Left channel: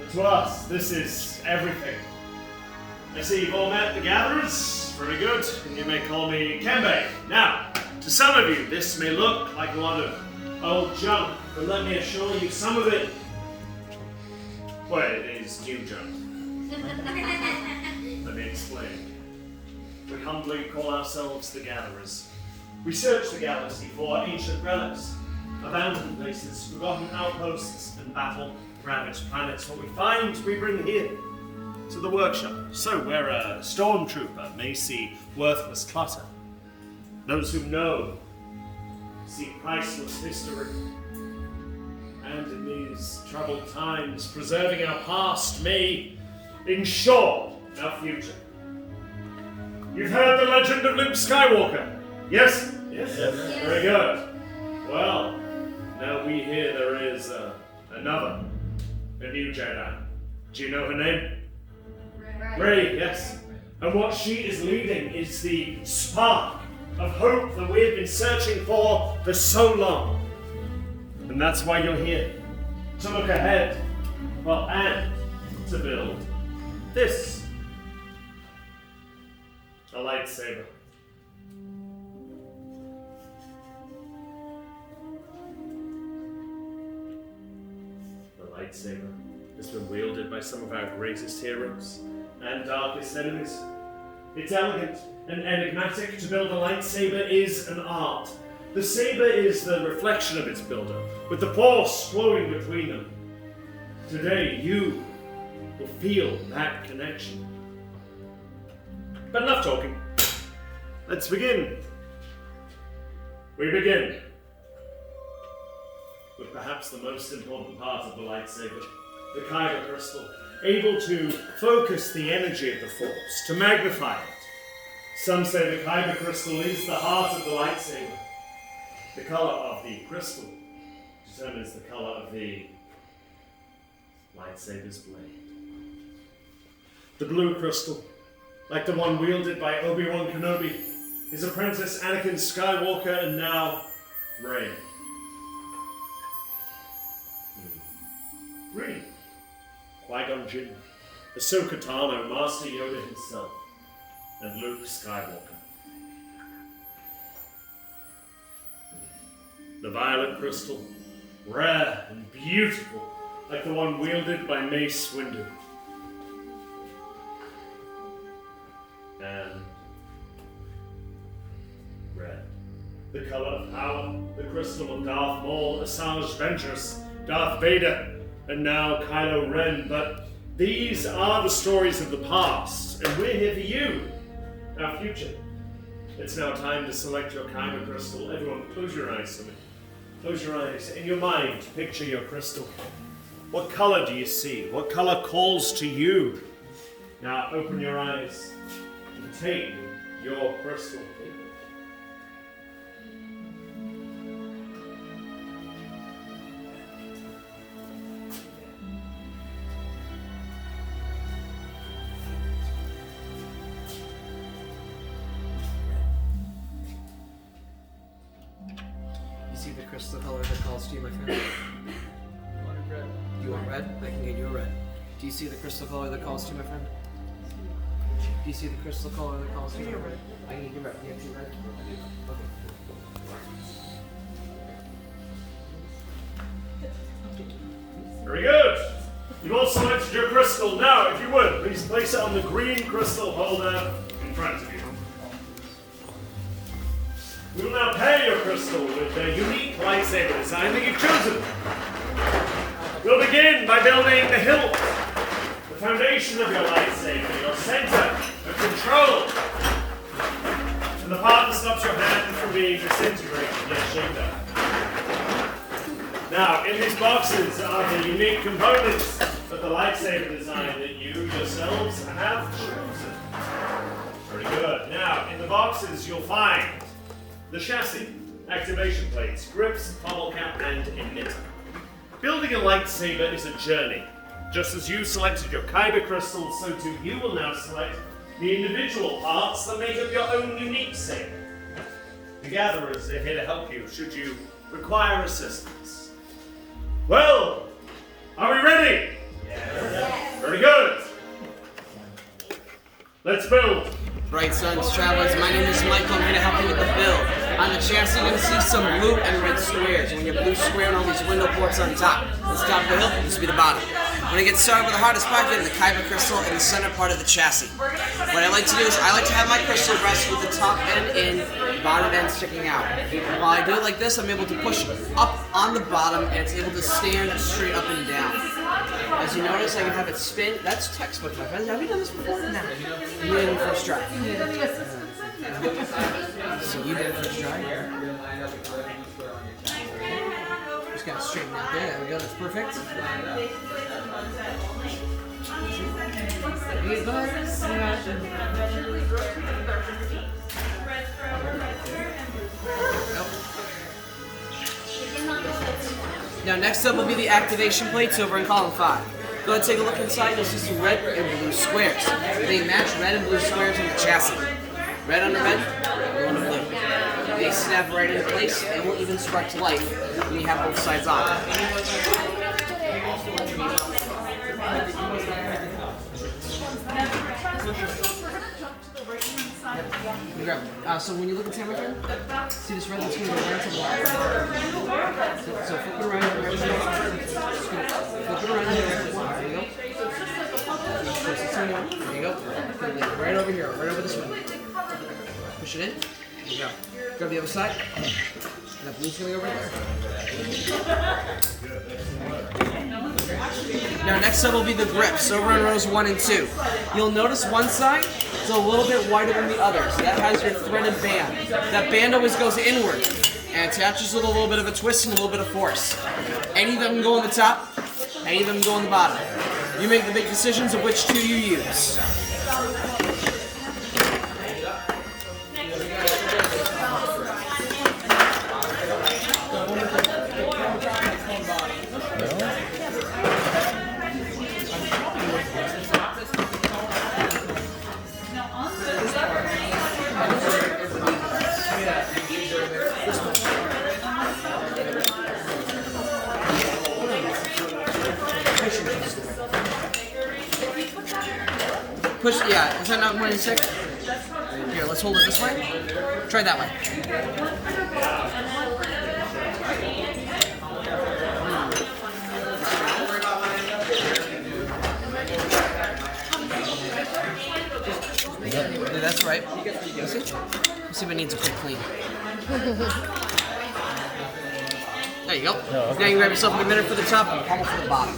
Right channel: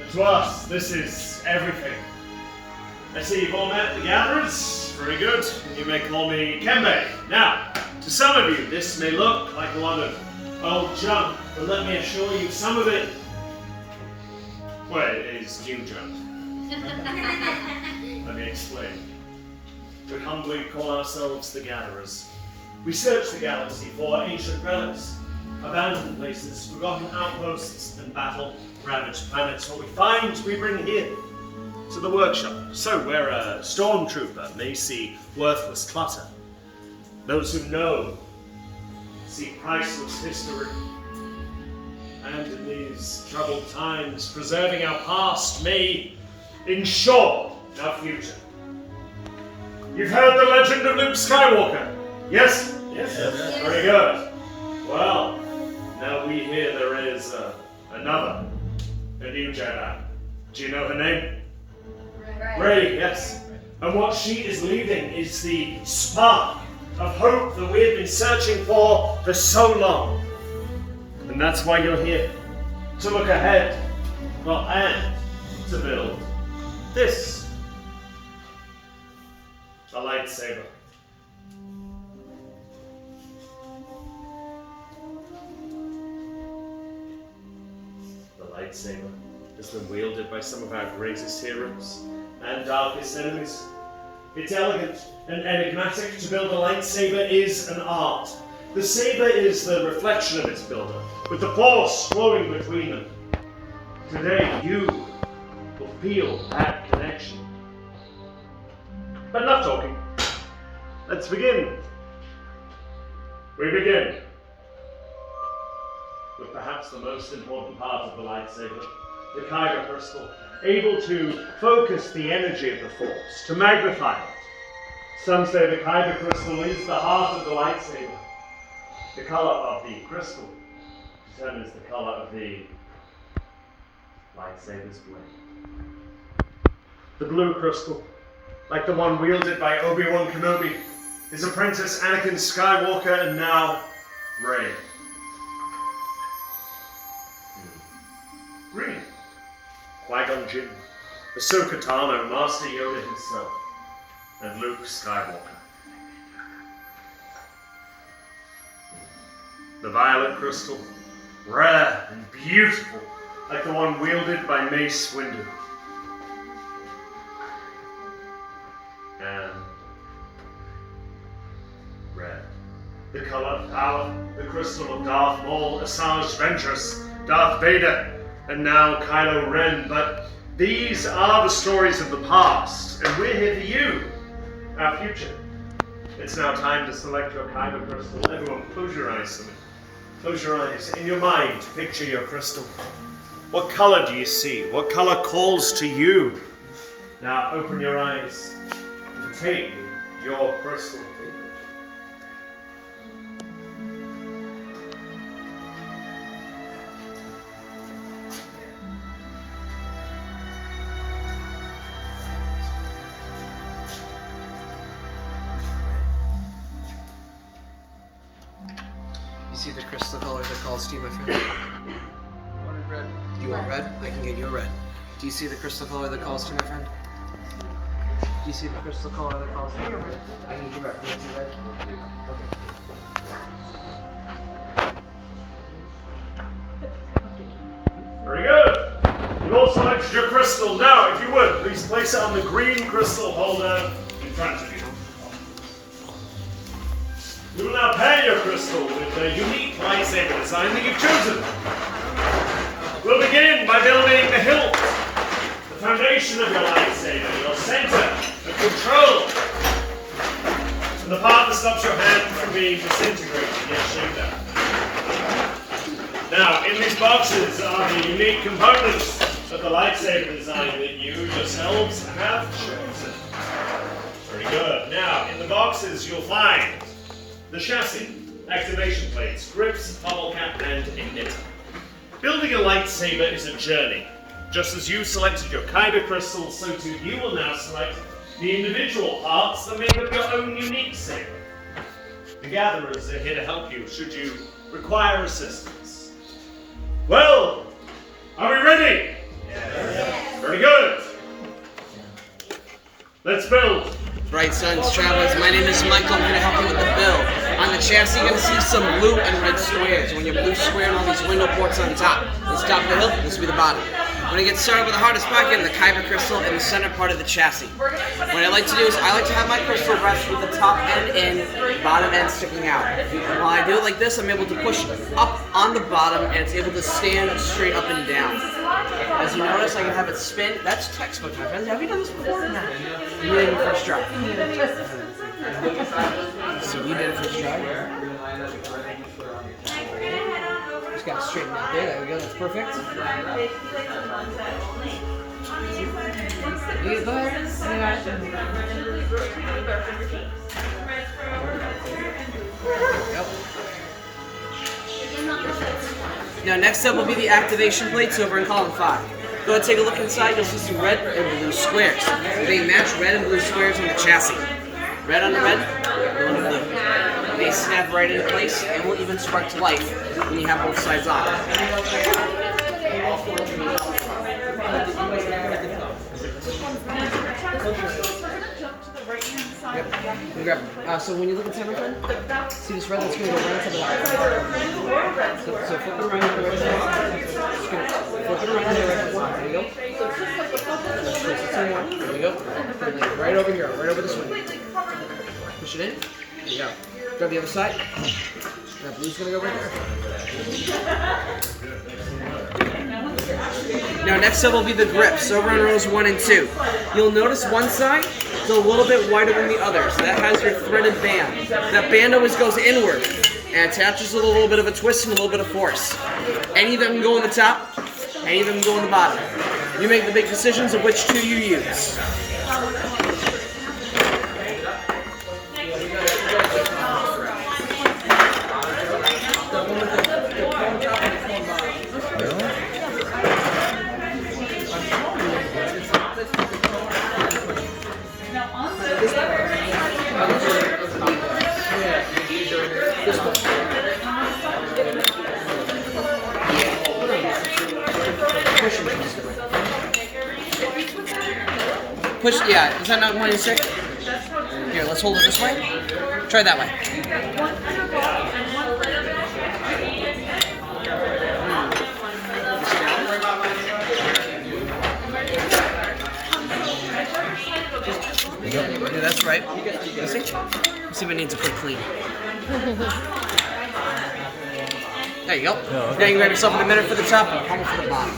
But to us, this is everything. I see you've all met the gatherers. Very good. And you may call me Kembe. Now, to some of you, this may look like a lot of old junk, but let me assure you, some of it, well, it is new junk. Let me explain. We humbly call ourselves the Gatherers. We search the galaxy for ancient relics, abandoned places, forgotten outposts, and battle-ravaged planets. What we find, we bring here to the workshop. So where a stormtrooper may see worthless clutter, those who know see priceless history. And in these troubled times, preserving our past may ensure our future. You've heard the legend of Luke Skywalker? Yes? Yes. Very good. Well, now we hear there is a new Jedi. Do you know her name? Rey, yes. And what she is leading is the spark of hope that we have been searching for so long. And that's why you're here. To look ahead. Well, and to build this. A lightsaber. The lightsaber has been wielded by some of our greatest heroes and darkest enemies. It's elegant and enigmatic. To build a lightsaber is an art. The saber is the reflection of its builder, with the force flowing between them. Today, you will feel that connection. But enough talking. Let's begin. We begin with perhaps the most important part of the lightsaber, the Kyber crystal, able to focus the energy of the Force, to magnify it. Some say the Kyber crystal is the heart of the lightsaber. The color of the crystal determines the color of the lightsaber's blade. The blue crystal, like the one wielded by Obi-Wan Kenobi, his apprentice Anakin Skywalker, and now Rey. Green, Qui-Gon Jinn, Ahsoka Tano, Master Yoda himself, and Luke Skywalker. The violet crystal, rare and beautiful, like the one wielded by Mace Windu. And red, the color of power, the crystal of Darth Maul, Asajj Ventress, Darth Vader, and now Kylo Ren. But these are the stories of the past, and we're here for you, our future. It's now time to select your Kyber crystal. Everyone, close your eyes to me. Close your eyes. In your mind, picture your crystal. What color do you see? What color calls to you? Now open your eyes and take your crystal. See the crystal color that calls to you, my friend? I wanted red. You want red? I can get you a red. Do you see the crystal color that calls to you, my friend? Do you see the crystal color that calls to you? I can get you red. You want to see red? Okay. Very good. You've all selected your crystal. Now, if you would, please place it on the green crystal holder in front of you. We will now pair your crystal with the unique lightsaber design that you've chosen. We'll begin by building the hilt, the foundation of your lightsaber, your center of control, and the part that stops your hand from being disintegrated. Yes, shoot that. Now, in these boxes are the unique components of the lightsaber design that you yourselves have chosen. Very good. Now, in the boxes you'll find the chassis, activation plates, grips, bottle cap, and emitter. Building a lightsaber is a journey. Just as you selected your Kyber crystal, so too you will now select the individual parts that make up your own unique saber. The Gatherers are here to help you should you require assistance. Well, are we ready? Yes. Let's build. Right, sons, travelers, my name is Michael. I'm here to help you with the build. On the chassis, you're going to see some blue and red squares. When you're blue square and all these window ports on top. Let's top the hill, this will be the bottom. When I get started with the hardest part, getting the Kyber crystal in the center part of the chassis. What I like to do is I like to have my crystal rest with the top end in, bottom end sticking out. And while I do it like this, I'm able to push up on the bottom and it's able to stand straight up and down. As you notice, I can have it spin. That's textbook, my friends. Have you done this before? No. You did it in your first try. So you did it first try. Just got to straighten out there. There we go. That's perfect. Now next up will be the activation plates over in column 5. Go ahead and take a look inside, you'll see some red and blue squares. They match red and blue squares on the chassis. Red on the red, blue on the blue. They snap right into place and will even spark to life when you have both sides on. Yep. So when you look at temperature, see this red that's going to go right to the left. So flip it around. Flip it around. There you go. There you go. Right over here. Right over this way. Push it in. There you go. Grab the other side. That blue's going to go right there. Now next up will be the grips over in rows 1 and 2. You'll notice one side is a little bit wider than the other, so that has your threaded band. That band always goes inward and attaches with a little bit of a twist and a little bit of force. Any of them can go on the top, any of them can go on the bottom. You make the big decisions of which two you use. Push, yeah, is that not more than 6? Here, let's hold it this way. Try that way. Yeah, that's right. You see? Let's see if it needs a quick clean. There you go. Now you can grab yourself in a minute for the top and a pummel for the bottom.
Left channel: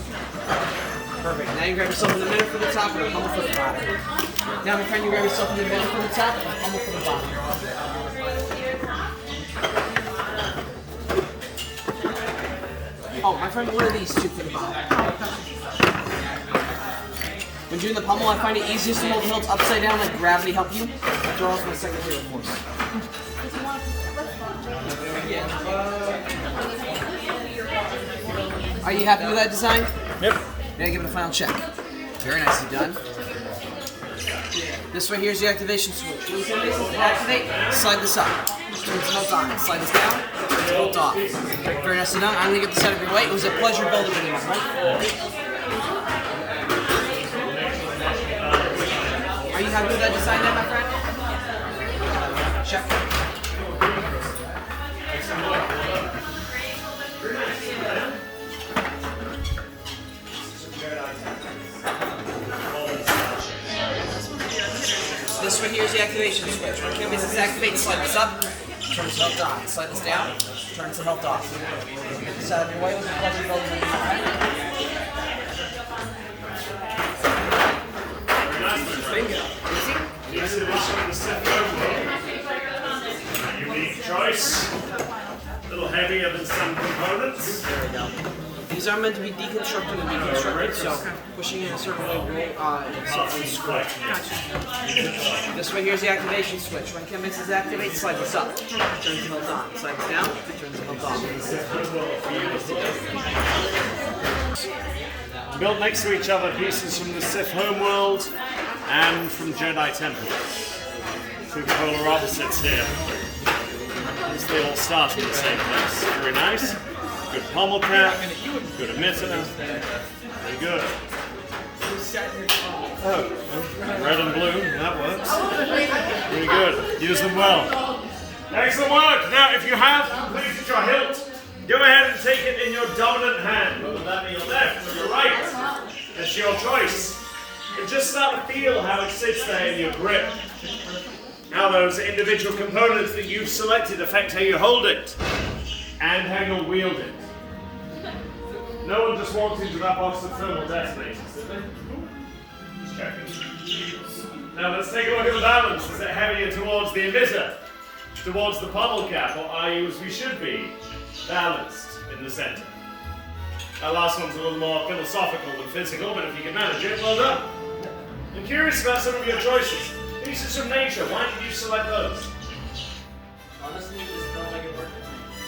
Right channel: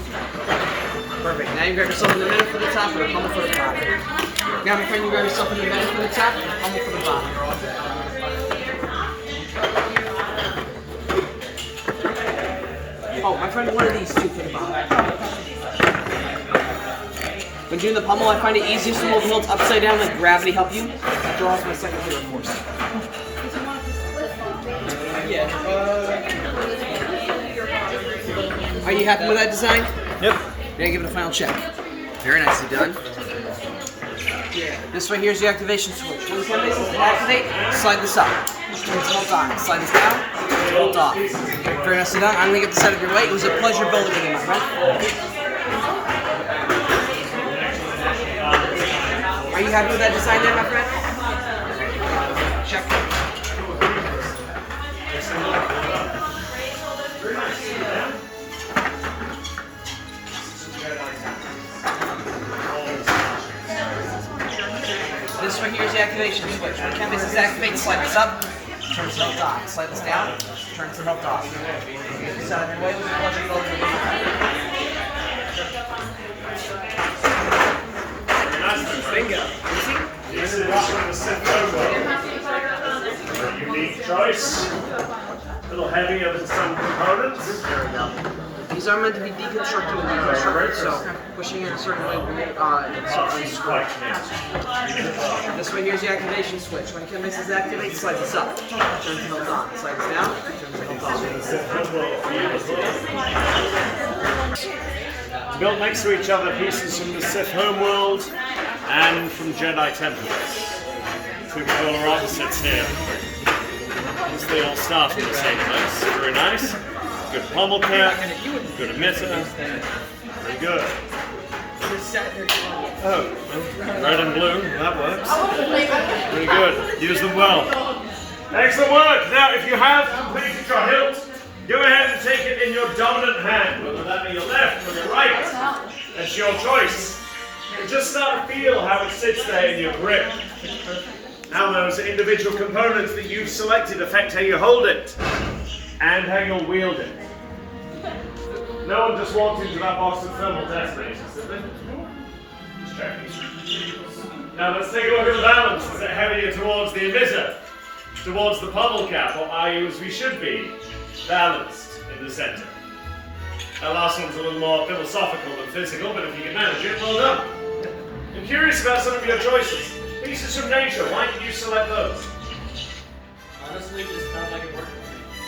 Perfect. Now you grab yourself in a minute for the top and a pummel for the bottom. Now my friend, you grab yourself in a minute for the top and a pummel for the bottom. Oh, my friend, one of these two for the bottom. When doing the pummel, I find it easiest to hold the hilts upside down, let gravity help you. Draw off my second favorite force. Are you happy with that design? Yep. Now give it a final check. Very nicely done. This right here is the activation switch. When you activate, slide this up. Turn this belt on. Slide this down, belt off. Very nicely done. I'm going to get this out of your way. It was a pleasure building with you, my friend. Are you happy with that design there, my friend? Check. This right here is the activation switch. When this is activated, slide this up, turn this belt on. Slide this down, turn this belt off. Get this out of your way with the pleasure building. Bingo. This is the Sith logo. Unique choice. A little heavier than some components. There we go. These are meant to be deconstructed and deconstructed, so pushing in a certain way will unscrew. This right here is the activation switch. When Kim makes this activate, slide this up. Turn the hilt on. Slide this down, turn the hilt off. Built next to each other, pieces from the Sith homeworld and from Jedi temples. Two polar opposites here. As they all start in the same place. Very nice. Good pommel cap, good emitter. Very good. Oh, well, red and blue, that works. Really good. Use them well. Excellent work. Now, if you have completed your hilt, go ahead and take it in your dominant hand, whether that be your left or your right. That's your choice. And just start to feel how it sits there in your grip. How those individual components that you've selected affect how you hold it and how you'll wield it. No one just walked into that box of thermal detonators, did they? Just checking. Now let's take a look at the balance. Is it heavier towards the emitter, towards the pommel cap, or are you, as we should be, balanced in the center? That last one's a little more philosophical than physical, but if you can manage it, well done. I'm curious about some of your choices. Pieces from nature, why did you select those? Honestly, this felt like it worked.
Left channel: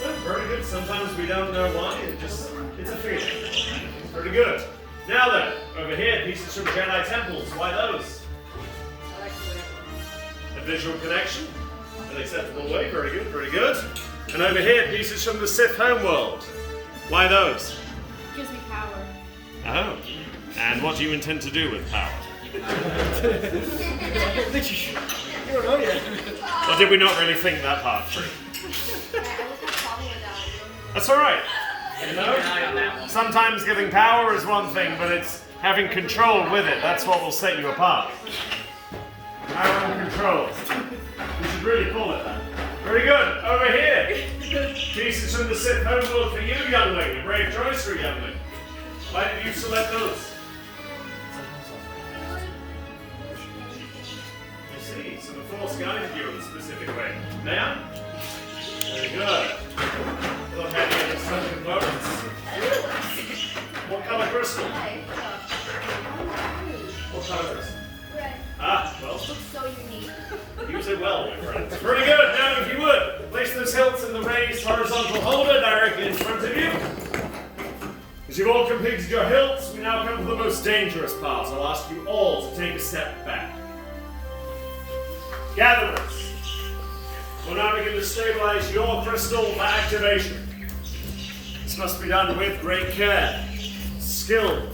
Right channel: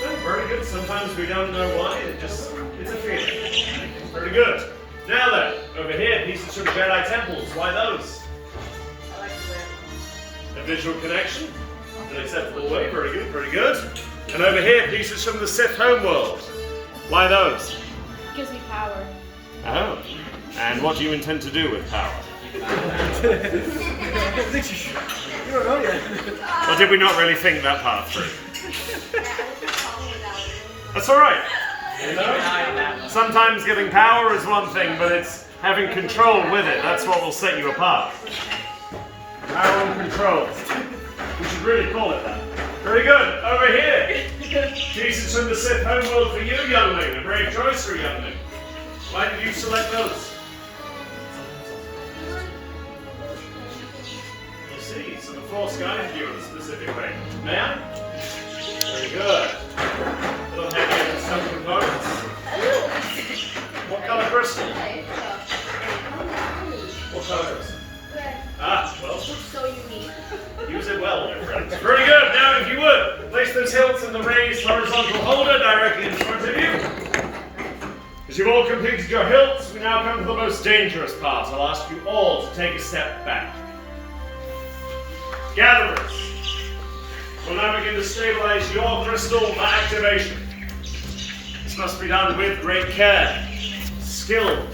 Oh, very good. Sometimes we don't know why, it's a feeling. Pretty good. Now then, over here, pieces from Jedi temples, why those? I like the way A visual connection, an acceptable way, very good, very good. And over here, pieces from the Sith homeworld, why those? it gives me power. Oh, and what do you intend to do with power? You don't know yet. Or did we not really think that part through? That's all right. You know, sometimes giving power is one thing, but it's having control with it. That's what will set you apart. Power and control. We should really call it that. Very good. Over here. Pieces from the Sith homeworld for you, youngling. A brave choice for a youngling. Why did you select those? I see. So the Force guided you in a specific way. May I? Very good. A little heavier than some components. What color crystal? What color crystal? Ah, well, So unique. use it well, my friends. Very good. Now, if you would, place those hilts in the raised horizontal holder directly in front of you. As you've all completed your hilts, we now come to the most dangerous part. I'll ask you all to take a step back. Gatherers, we'll now begin to stabilize your crystal for activation. This must be done with great care, skill,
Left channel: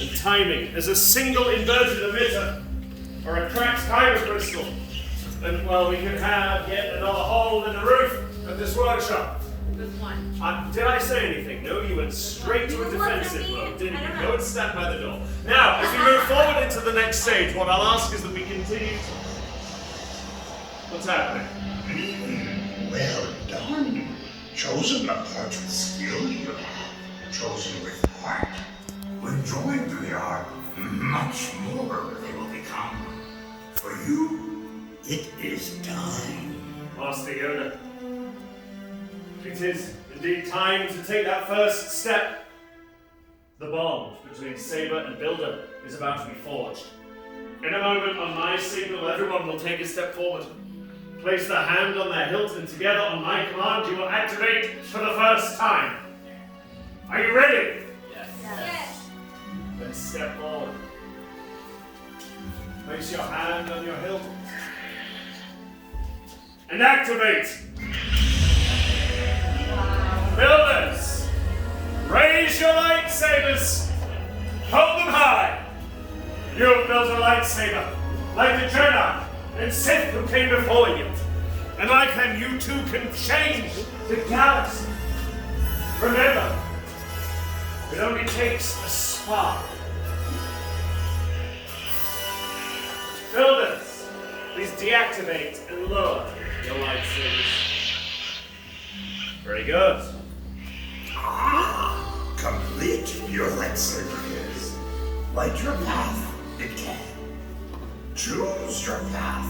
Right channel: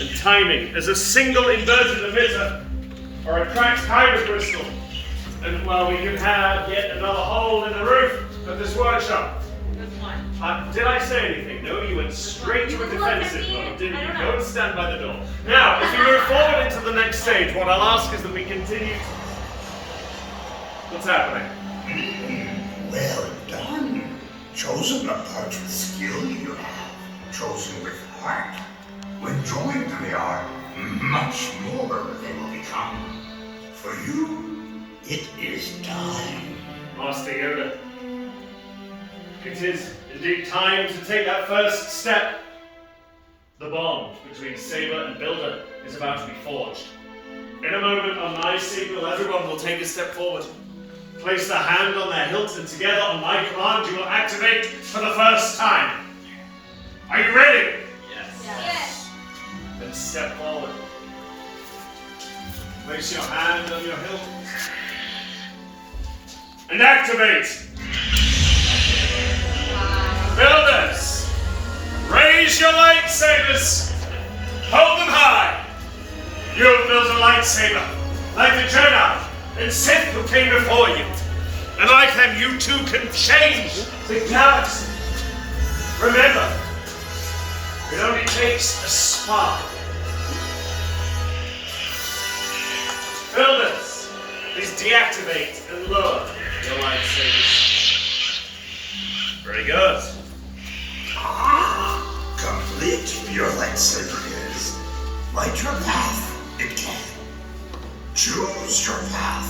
and timing, as a single inverted emitter or a cracked kyber crystal. And well, we can have yet another hole in the roof of this workshop. Good one. Did I say anything? No, you went straight to a defensive mode, didn't you? Go and stand by the door. Now, as we move forward into the next stage, what I'll ask is that we continue. What's happening? Well done. Chosen a part of the skill you have. Chosen with heart. When joined to the art, much more they will become. For you, it is time. Master Yoda, it is indeed time to take that first step. The bond between Saber and Builder is about to be forged. In a moment, on my signal, everyone will take a step forward. Place their hand on their hilt, and together, on my command, you will activate for the first time. Are you ready? Yes. Then step forward. Place your hand on your hilt. And activate. Builders, raise your lightsabers. Hold them high. You have built a lightsaber, like the Jedi and Sith who came before you. And like them, you too can change the galaxy. Remember, it only takes a spark. Builders, please deactivate and lower your lightsabers. Very good. Complete your lightsaber is. Light your path, it can. Choose your path.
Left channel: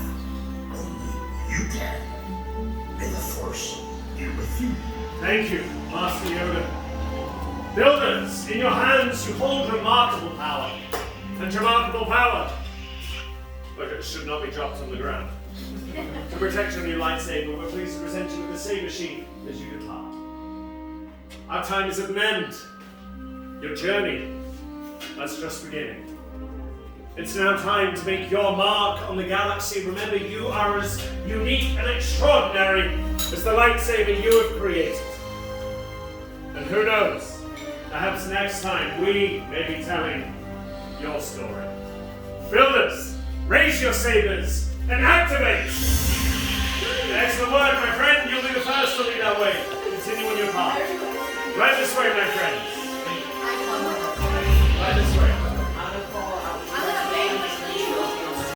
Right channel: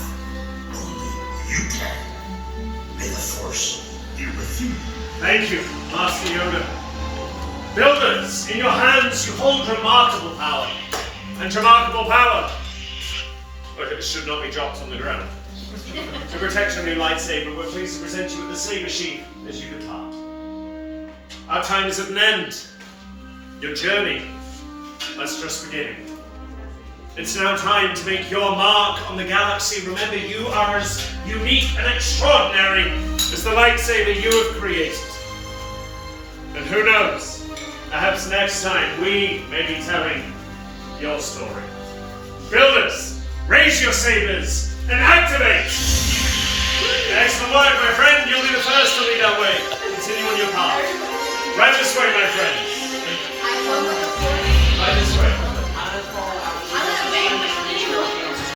Only you can. May the Force be with you. Thank you, Master Yoda. Builders, in your hands you hold remarkable power. And remarkable power, look, it should not be dropped on the ground. To protect your new lightsaber, we're pleased to present you with the saber sheath as you depart. Our time is at an end. Your journey is just beginning. It's now time to make your mark on the galaxy. Remember, you are as unique and extraordinary as the lightsaber you have created. And who knows, perhaps next time we may be telling your story. Builders, raise your sabers and activate! Excellent work, my friend. You'll be the first to lead our way. Continue on your path. Right this way, my friends.